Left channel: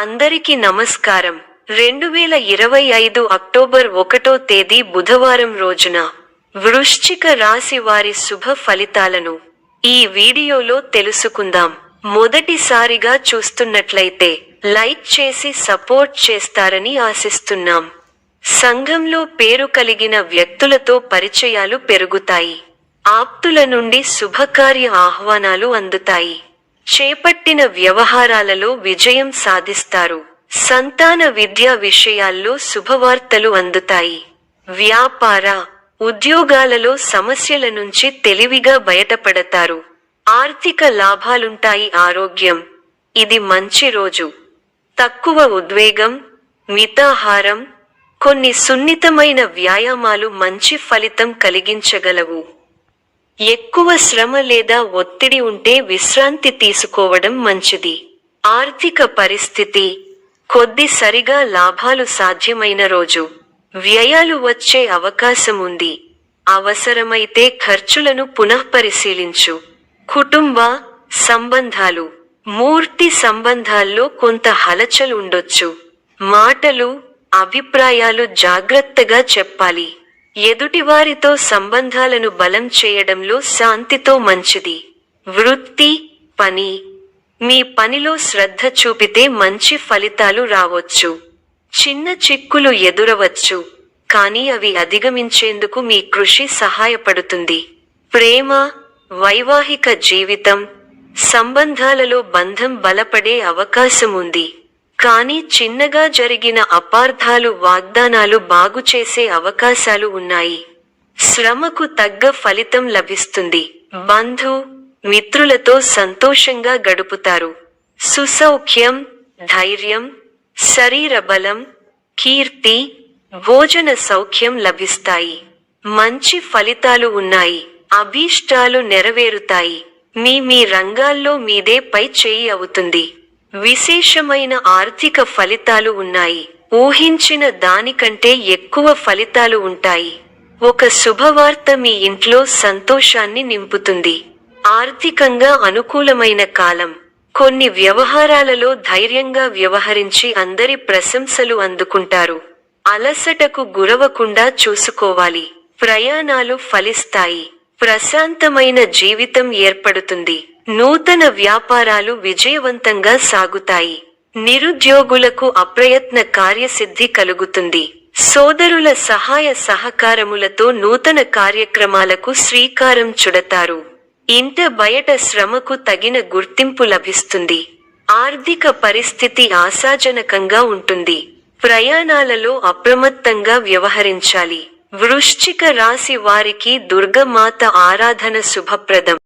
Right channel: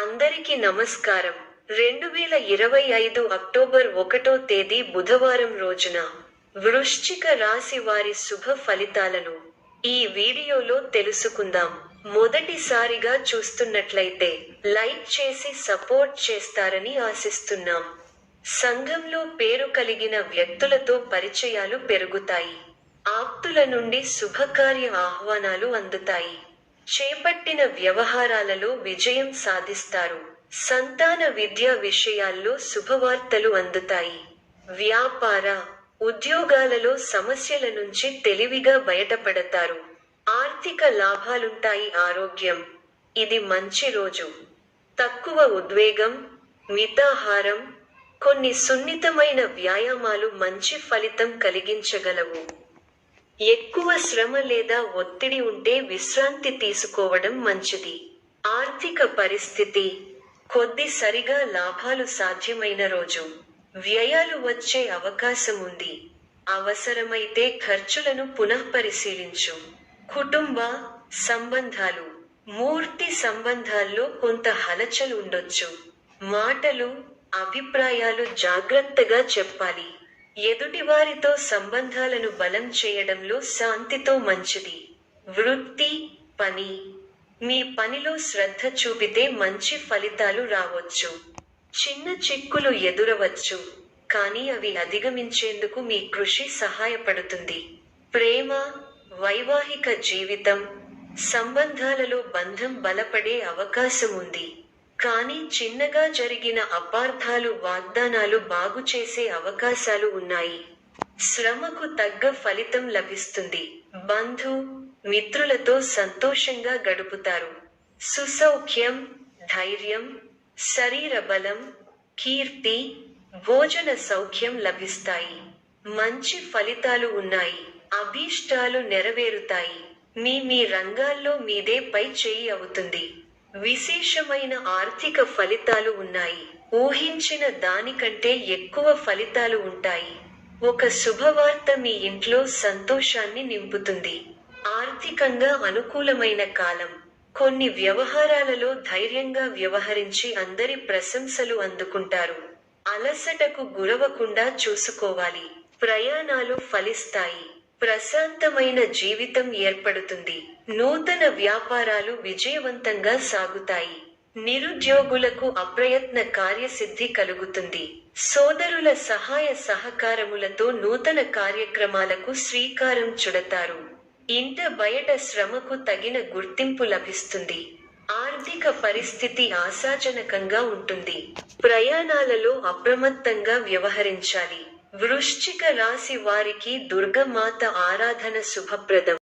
అందరికీ నమస్కారం. 2025 అక్టోబర్ 1వ తేదీ బుధవారం రోజున వృశ్చిక రాశి వారి శుభ ఫలితాలను ఈ వీడియోలో తెలుసుకుందాం. మొదటిసారిగా చూస్తున్నట్లయితే లైక్ చేసి సపోర్ట్ చేస్తారని ఆశిస్తున్నాం. సంఘంలో పేరు కలిగిన వ్యక్తులతో పరిచయాలు పెరుగుతాయి. ఆప్తుల నుండి శుభకార్య ఆహ్వానాలు అందుతాయి. చేపట్టిన వ్యవహారాలలో విజయం సాధిస్తారు. సంతాన విద్యా విషయాల్లో శుభవార్తలు అందుతాయి. వ్యాపార, ఉద్యోగాలలో సమస్యల నుంచి తెలివిగా బయటపడతారు. ఆర్థిక లాభాలుంటాయి. ఆరోగ్యం, ఇది మంచి రోజు. తక్కువ ఉద్వేగం, మితాహారం, కొన్ని సున్నితమైన వ్యాయామాలు మంచి ఫలితం కలిగించగలవు. ఎక్కువ శ్రమ లేదా ఒత్తిడి ఉంటే విశ్రాంతి తీసుకోవడం మంచిది. ఆర్థిక పరిస్థితి కొద్దిసరిగా లాభాలు సాధ్యమైన రోజు. వ్యయాలు వచ్చే అవకాశం ఉంది. అవసరమైతే ఖర్చులను పునఃపరిశీలించు. కుటుంబ సంబంధాలు, మూర్తి సంబంధాల్లో కొంత హలచల్ ఉండొచ్చు. మాటలు, అభిప్రాయాలు జాగ్రత్తగా చెప్పాలి. ఎదుటివారితో సంబంధాలను బలం చేయడంలో శాంతితో మంచిది. వృత్తి, పని, మీ పనిలో శ్రద్ధ చూపితే మంచి ఫలితాలు రావచ్చు. చిన్న చిక్కులు ఎదురవచ్చు, కానీ అవి అధిగమించేందుకు మీ కృషి సహాయపడుతుంది. ప్రేమ, వైవాహిక జీవితం, సంబంధాలలో బంధం బలపడే అవకాశం ఉంది. కానీ చిన్నగా జరిగిన అపార్థాలు వాగ్దానాలు బాగుచేసే అవకాశాలు ఉన్నాయి. శ్రమకు తగ్గ ఫలితం లభిస్తుంది. బంధు, మిత్రులతో సంతోషంగా గడుపుతారు. సుసౌఖ్యం, ధైర్యం, శరీర బలం, కీర్తి, భోజన సౌఖ్యం లభిస్తాయి. మంచి ఫలితాలు ఉన్నాయి. అభీష్టాలు నెరవేరుతాయి. మీ రంగాల్లో మీదే పై చేయి అవుతుంది. విశేషమైన ఆర్థిక ఫలితాలు ఉన్నాయి. ఊహించిన దానికంటే ఎక్కువ ఫలితాలు ఉంటాయి. ఒక శుభవార్త మీ ఇంట్లో సంతోషాన్ని నింపుతుంది. ఆర్థికంగా అనుకూలమైన కాలం. కొన్ని వ్యవహారాలలో ధైర్యంగా వ్యవహరించి అందరి ప్రశంసలు అందుకుంటారు. అలసటకు గురవకుండా చూసుకోవాలి. ప్రయాణాలు ఫలిస్తాయి. ప్రశాంతమైన జీవితం ఏర్పడుతుంది. నూతన వ్యాపారాలు విజయవంతంగా సాగుతాయి. నిరుద్యోగులకు అప్రయత్న కార్యసిద్ధి కలుగుతుంది. సోదరుల సహాయ సహకారములతో నూతన కార్యక్రమాలకు శ్రీకారం చుడతారు. ఇంట బయట శ్రమకు తగిన గుర్తింపు లభిస్తుంది. ఆర్థిక పరిస్థితి ఆశాజనకంగా ఉంటుంది. ప్రయాణాలలో అప్రమత్తంగా వ్యవహరించాలి. వృశ్చిక రాశి వారికి దుర్గమాత ఆరాధన శుభప్రదం.